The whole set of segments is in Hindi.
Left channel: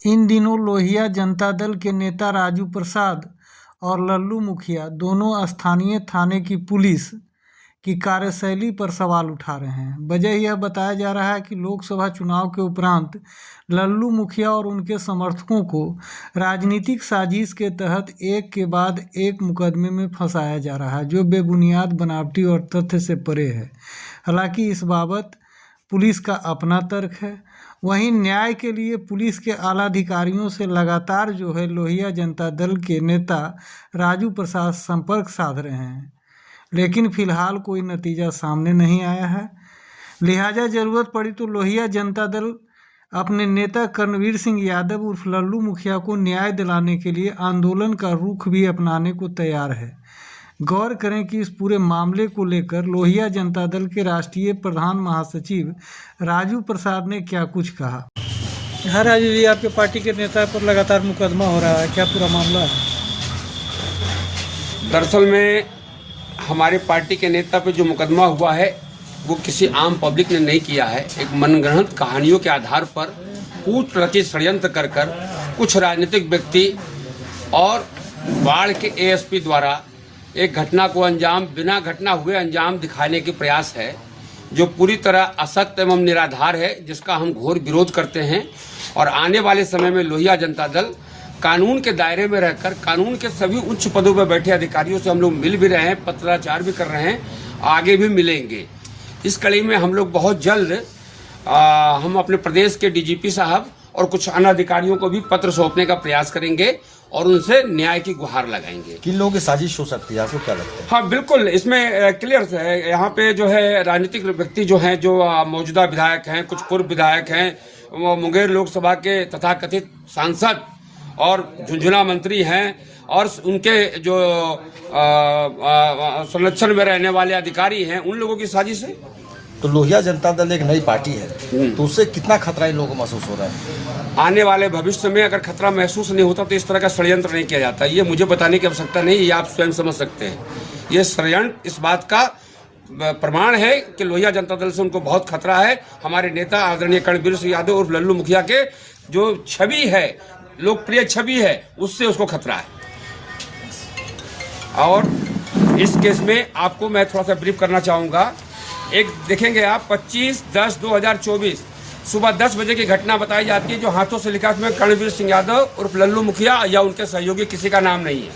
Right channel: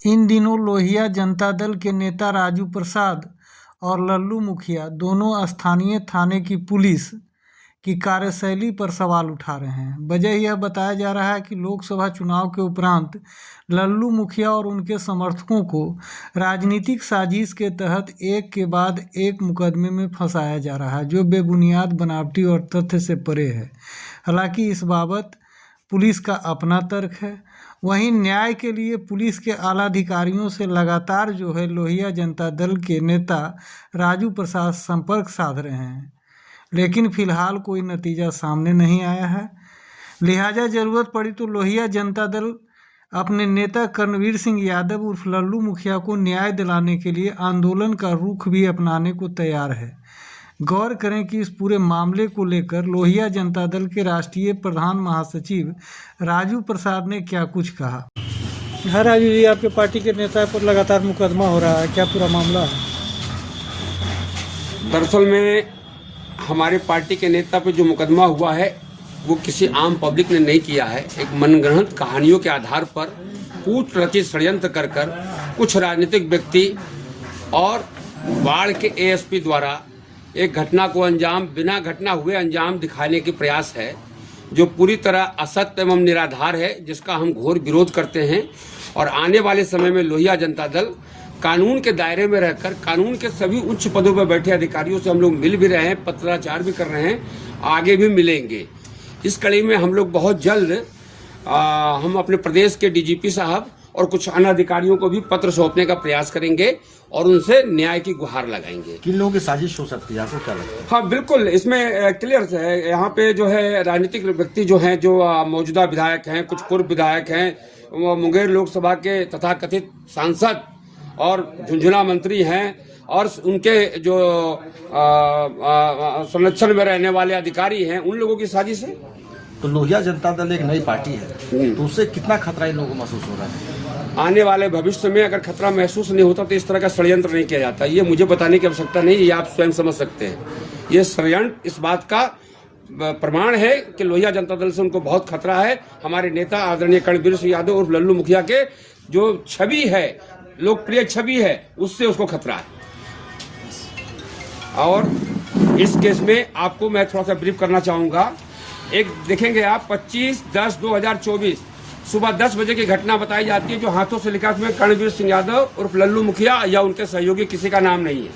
इन दिनों लोहिया जनता दल के नेता राजू प्रसाद और लल्लू मुखिया दोनों स्थानीय थाने की पुलिस की कार्यशैली पर सवाल उठा रहे हैं। वजह यह बताया जा रहा है कि लोकसभा चुनाव के उपरांत लल्लू मुखिया और उनके समर्थकों को राजनीतिक साजिश के तहत एक के बाद एक मुकदमे में फंसाया जा रहा है, जो बेबुनियाद, बनावटी और तथ्य से परे है। हालांकि इस बाबत पुलिस का अपना तर्क है। वहीं न्याय के लिए पुलिस के आला अधिकारियों से लगातार लोहिया जनता दल के नेता राजू प्रसाद संपर्क साध रहे हैं, लेकिन फिलहाल कोई नतीजा सामने नहीं आया है। लिहाजा ज़रूरत पड़ी तो लोहिया जनता दल अपने नेता कर्णवीर सिंह यादव उर्फ लल्लू मुखिया को न्याय दिलाने के लिए आंदोलन का रुख भी अपनाने को तैयार है। गौर करें कि इस पूरे मामले को लेकर लोहिया जनता दल के राष्ट्रीय प्रधान महासचिव राजू प्रसाद ने क्या कुछ कहा। हाँ राजू जी, आपके पार्टी के नेता पर लगातार मुकदमा हो रहा है, क्या पूरा मामला है? दरअसल में हमारे पार्टी के नेता पे जो मुकदमा हुआ है वो किसी आम पब्लिक ने नहीं किया है। एक मनगढ़ंत कहानियों के आधार पर कूट रचित षड्यंत्र कर कुछ राजनीतिक व्यक्ति और बाढ़ के एएसपी द्वारा एक घटना को बिना घटना हुए अंजाम दिखाने की प्रयास है, जो पूरी तरह असत्य एवं निराधार है, जिसका हम घोर विरोध करते हैं। और आने वाले समय में लोहिया जनता दल कानून के दायरे में रहकर कानून के सभी उच्च पदों पर बैठे अधिकारियों से हम लोग मिल भी रहे हैं, पत्राचार भी कर रहे हैं, आगे भी मिलेंगे। इस कड़ी में हम लोग बहुत जल्द हम अपने प्रदेश के डीजीपी साहब और कुछ अन्य अधिकारियों को भी पत्र सौंपने का प्रयास करेंगे और उनसे न्याय की गुहार लगाएंगे। किन लोगों की साजिश हो सकती है, आपको क्या लगता है? हाँ बिल्कुल, इसमें क्लियर है। यहाँ पे जो है राजनीतिक व्यक्ति जो हैं, जो मौजूदा विधायक हैं, कुछ पूर्व विधायक हैं, मुंगेर लोकसभा के तथाकथित सांसद और झुंझुनू मंत्री हैं, और उनके जो संरक्षण में रहने वाले अधिकारी हैं, उन लोगों की साजिश है। तो लोहिया जनता दल एक नई पार्टी है, तो उससे कितना खतरा इन लोगों को महसूस हो रहा है? आने वाले भविष्य में अगर खतरा महसूस नहीं होता तो इस तरह का षड्यंत्र नहीं किया जाता। ये मुझे बताने की आवश्यकता नहीं, ये आप स्वयं समझ सकते हैं। ये षड्यंत्र इस बात का प्रमाण है कि लोहिया जनता दल से उनको बहुत खतरा है। हमारे नेता आदरणीय कर्णवीर सिंह यादव और लल्लू मुखिया के जो छवि है, लोकप्रिय छवि है, उससे उसको खतरा है। और इस केस में आपको मैं थोड़ा सा ब्रीफ करना चाहूँगा। एक देखेंगे आप 25/10/2024 सुबह 10 बजे की घटना बताई जाती है, जो हाथों से लिखा, उसमें कर्णवीर सिंह यादव उर्फ लल्लू मुखिया या उनके सहयोगी किसी का नाम नहीं है।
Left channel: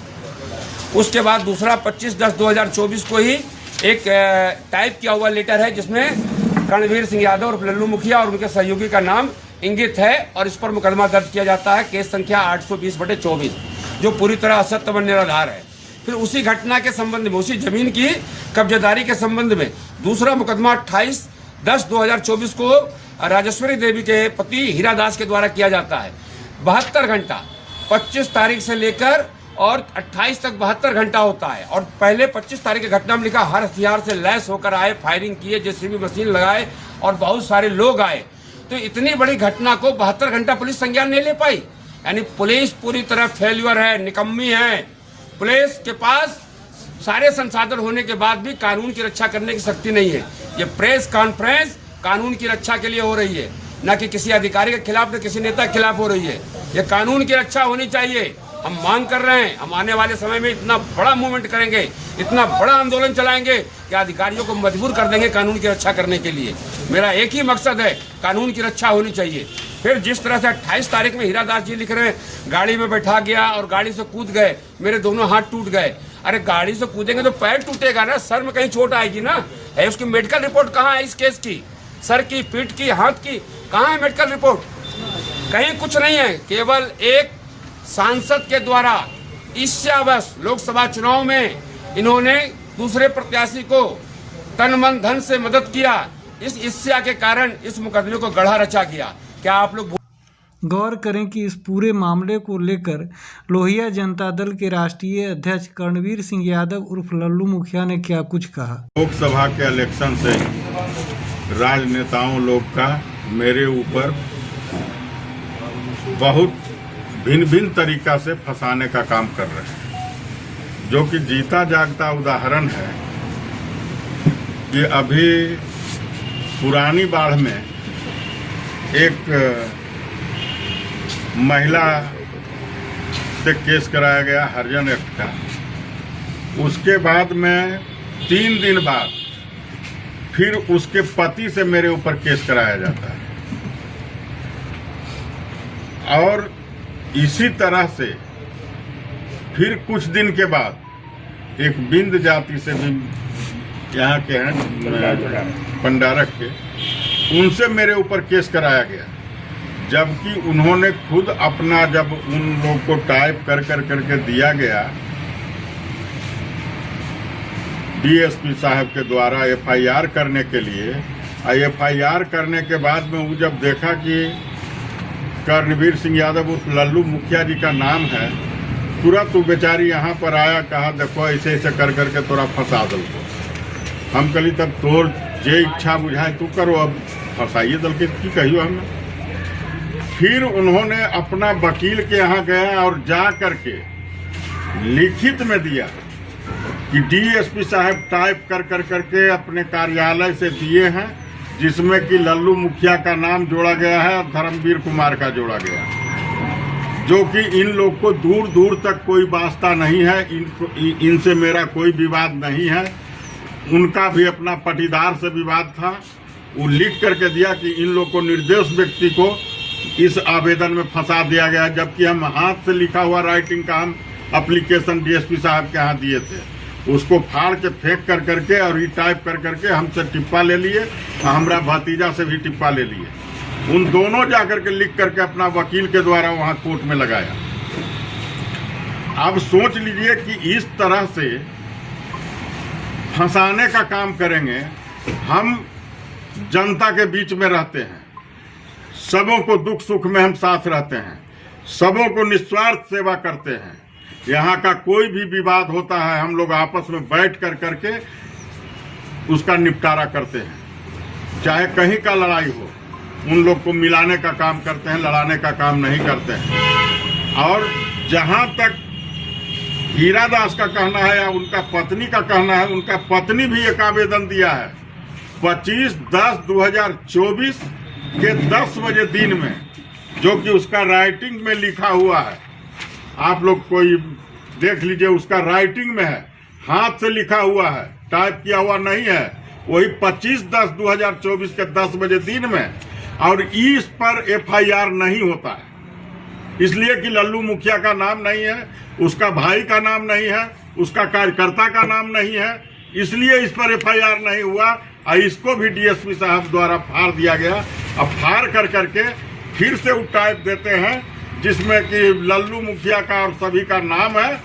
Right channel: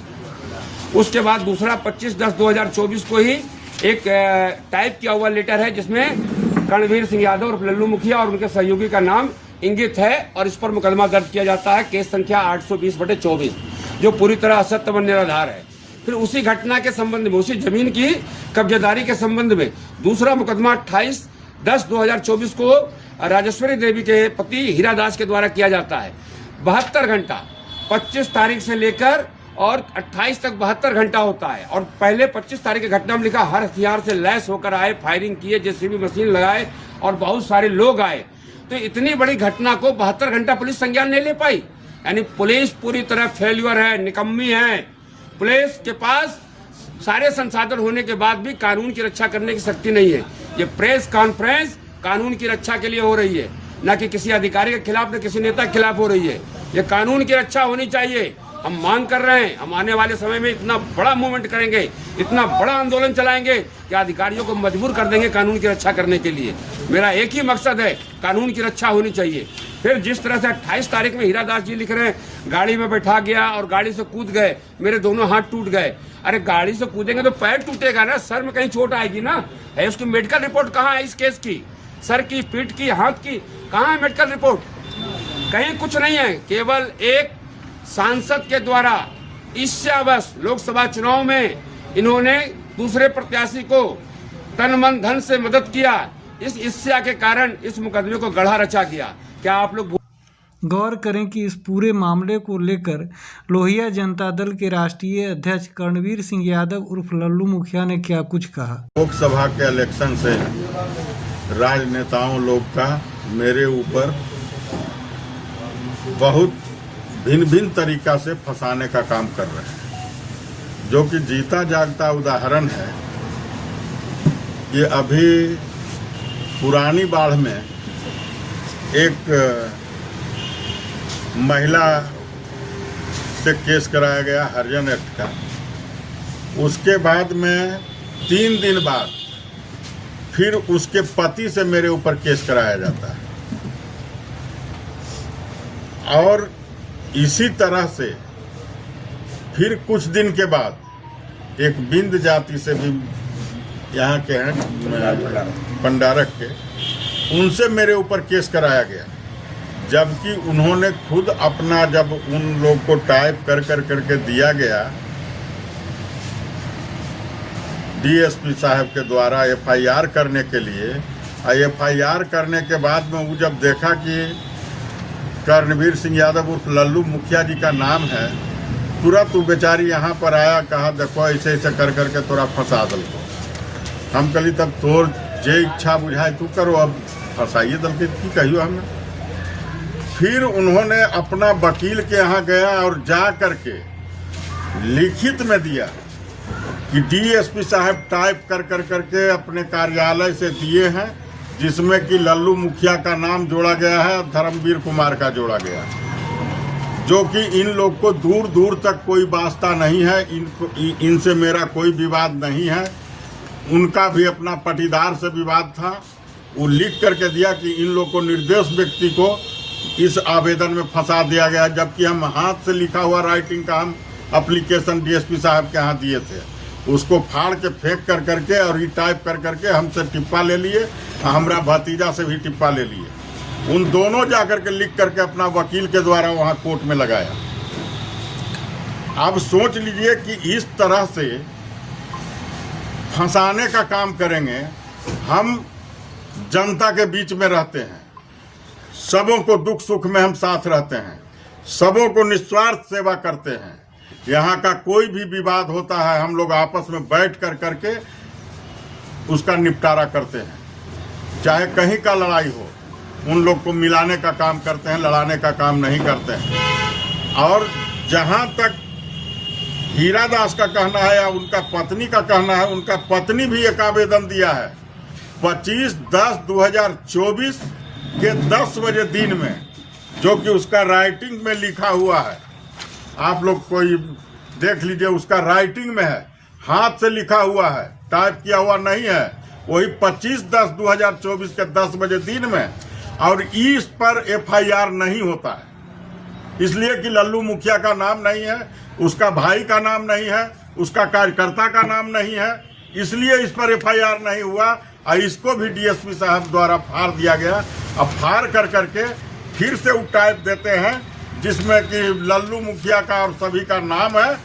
उसके बाद दूसरा 25/10/2024 को ही एक टाइप किया हुआ लेटर है, जिसमें कर्णवीर सिंह यादव उर्फ लल्लू मुखिया और उनके सहयोगी का नाम इंगित है, और इस पर मुकदमा दर्ज किया जाता है, केस संख्या 820/24, जो पूरी तरह असत्य व निराधार है। फिर उसी घटना के संबंध में, उसी जमीन की कब्जेदारी के संबंध में दूसरा मुकदमा 28/10/2024 को राजेश्वरी देवी के पति हीरा दास के द्वारा किया जाता है। 72 घंटा 25 तारीख से लेकर और 28 तक 72 घंटा होता है। और पहले 25 तारीख की घटना में लिखा, हर हथियार से लैस होकर आए, फायरिंग किए, जेसीबी मशीन लगाए और बहुत सारे लोग आए। तो इतनी बड़ी घटना को 72 घंटा पुलिस संज्ञान नहीं ले पाई। यानी पुलिस पूरी तरह फेल्यूर है, निकम्मी है। पुलिस के पास सारे संसाधन होने के बाद भी कानून की रक्षा करने की शक्ति नहीं है। ये प्रेस कॉन्फ्रेंस कानून की रक्षा के लिए हो रही है, न कि किसी अधिकारी के खिलाफ, न किसी नेता के खिलाफ हो रही है। ये कानून की रक्षा होनी चाहिए। हम मांग कर रहे हैं, हम आने वाले समय में इतना बड़ा मूवमेंट करेंगे, इतना बड़ा आंदोलन चलाएंगे कि अधिकारियों को मजबूर कर देंगे कानून की रक्षा करने के लिए। मेरा एक ही मकसद है, कानून की रक्षा होनी चाहिए। फिर जिस तरह से 28 तारीख में हीरा दास जी लिख रहे हैं, गाड़ी में बैठा गया और गाड़ी से कूद गए, मेरे दोनों हाथ टूट गए। अरे गाड़ी से कूदेंगे तो पैर टूटेगा ना, सर में कहीं चोट आएगी ना। है उसकी मेडिकल रिपोर्ट कहाँ है इस केस की? सर की, पीठ की, हाथ की, कहाँ है मेडिकल रिपोर्ट? कहीं कुछ नहीं है। केवल एक सांसद के द्वारा ईर्ष्यावश लोकसभा चुनाव में इन्होंने दूसरे प्रत्याशी को तन मन धन से मदद किया। इस ईर्ष्या के कारण इस मुकदमे को गढ़ा रचा गया। क्या आप लोग गौर करें कि इस पूरे मामले को लेकर लोहिया जनता दल के राष्ट्रीय अध्यक्ष कर्णवीर सिंह यादव उर्फ लल्लू मुखिया ने क्या कुछ कहा। लोकसभा के इलेक्शन से राजनेताओं लोग का मेरे ऊपर बहुत भिन्न भिन्न तरीका से फंसाने का काम कर रहे हैं, जो कि जीता जागता उदाहरण है कि अभी पुरानी बाढ़ में एक महिला से केस कराया गया हरिजन एक्ट का। उसके बाद में 3 दिन बाद फिर उसके पति से मेरे ऊपर केस कराया जाता है, और इसी तरह से फिर कुछ दिन के बाद एक बिंद जाति से भी यहाँ के हैं पंडारक के, उनसे मेरे ऊपर केस कराया गया, जबकि उन्होंने खुद अपना, जब उन लोग को टाइप कर करके दिया गया डीएसपी साहब के द्वारा एफआईआर करने के लिए, एफआईआर करने के बाद में वो जब देखा कि कर्णवीर सिंह यादव उस लल्लू मुखिया जी का नाम है, तुरंत वो बेचारी यहाँ पर आया, कहा देखो ऐसे ऐसे कर करके तोरा फंसा दो। हम कहली तब तोर जे इच्छा बुझाए तू करो, अब फंसाइए दल के की कहियो हम। फिर उन्होंने अपना वकील के यहाँ गया और जा करके लिखित में दिया कि डीएसपी साहब टाइप कर करके अपने कार्यालय से दिए हैं, जिसमें कि लल्लू मुखिया का नाम जोड़ा गया है और धर्मवीर कुमार का जोड़ा गया है, जो कि इन लोग को दूर दूर तक कोई वास्ता नहीं है, इनसे मेरा कोई विवाद नहीं है। उनका भी अपना पटीदार से विवाद था। वो लिख करके दिया कि इन लोग को निर्दोष व्यक्ति को इस आवेदन में फंसा दिया गया, जबकि हम हाथ से लिखा हुआ राइटिंग का हम एप्लीकेशन डीएसपी साहब के यहाँ दिए थे। उसको फाड़ के फेंक कर करके और ये टाइप कर करके हमसे टिप्पा ले लिए, हमारा भतीजा से भी टिप्पा ले लिए। उन दोनों जाकर के लिख करके अपना वकील के द्वारा वहाँ कोर्ट में लगाया। अब सोच लीजिए कि इस तरह से फंसाने का काम करेंगे। हम जनता के बीच में रहते हैं, सबों को दुख सुख में हम साथ रहते हैं, सबों को निस्वार्थ सेवा करते हैं। यहाँ का कोई भी विवाद होता है हम लोग आपस में बैठ कर करके उसका निपटारा करते हैं, चाहे कहीं का लड़ाई हो। उन लोग को मिलाने का काम करते हैं, लड़ाने का काम नहीं करते हैं। और जहाँ तक हीरा दास का कहना है या उनका पत्नी का कहना है, उनका पत्नी भी एक आवेदन दिया है 25/10/2024 के 10 बजे दिन में, जो कि उसका राइटिंग में लिखा हुआ है। आप लोग कोई देख लीजिए, उसका राइटिंग में है, हाथ से लिखा हुआ है, टाइप किया हुआ नहीं है। वही 25/10/2024 के 10 बजे दिन में, और इस पर एफआईआर नहीं होता है, इसलिए कि लल्लू मुखिया का नाम नहीं है, उसका भाई का नाम नहीं है, उसका कार्यकर्ता का नाम नहीं है, इसलिए इस पर एफआईआर नहीं हुआ। और इसको भी डीएसपी साहब द्वारा फाड़ दिया गया। अब फाड़ कर करके फिर से वो टाइप देते हैं जिसमें कि लल्लू मुखिया का और सभी का नाम है,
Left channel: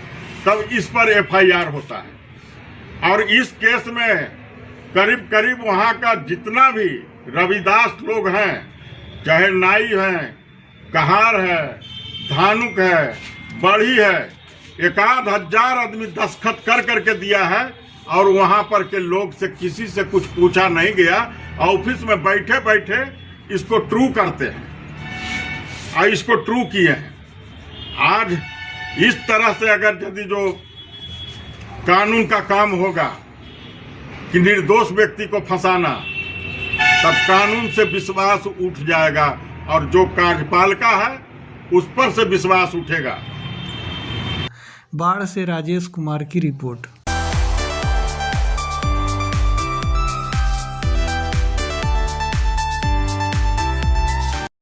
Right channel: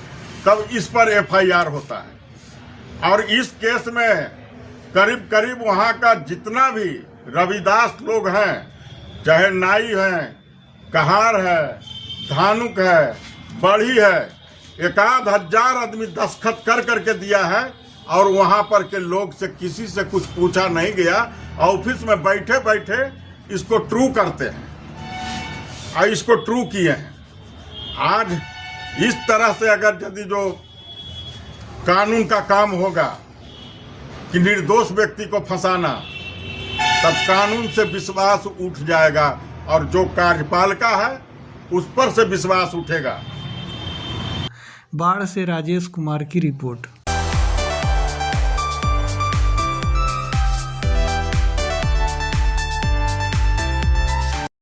तब इस पर एफआईआर होता है। और इस केस में करीब करीब वहाँ का जितना भी रविदास लोग हैं, चाहे नाई हैं, कहार है, धानुक है, बढ़ी है, 1000 आदमी दस्तखत कर करके दिया है। और वहाँ पर के लोग से किसी से कुछ पूछा नहीं गया। ऑफिस में बैठे बैठे इसको ट्रू करते हैं और इसको ट्रू किए हैं। आज इस तरह से अगर यदि जो कानून का काम होगा कि निर्दोष व्यक्ति को फंसाना, तब कानून से विश्वास उठ जाएगा और जो कार्यपालिका है उस पर से विश्वास उठेगा। बाढ़ से राजेश कुमार की रिपोर्ट।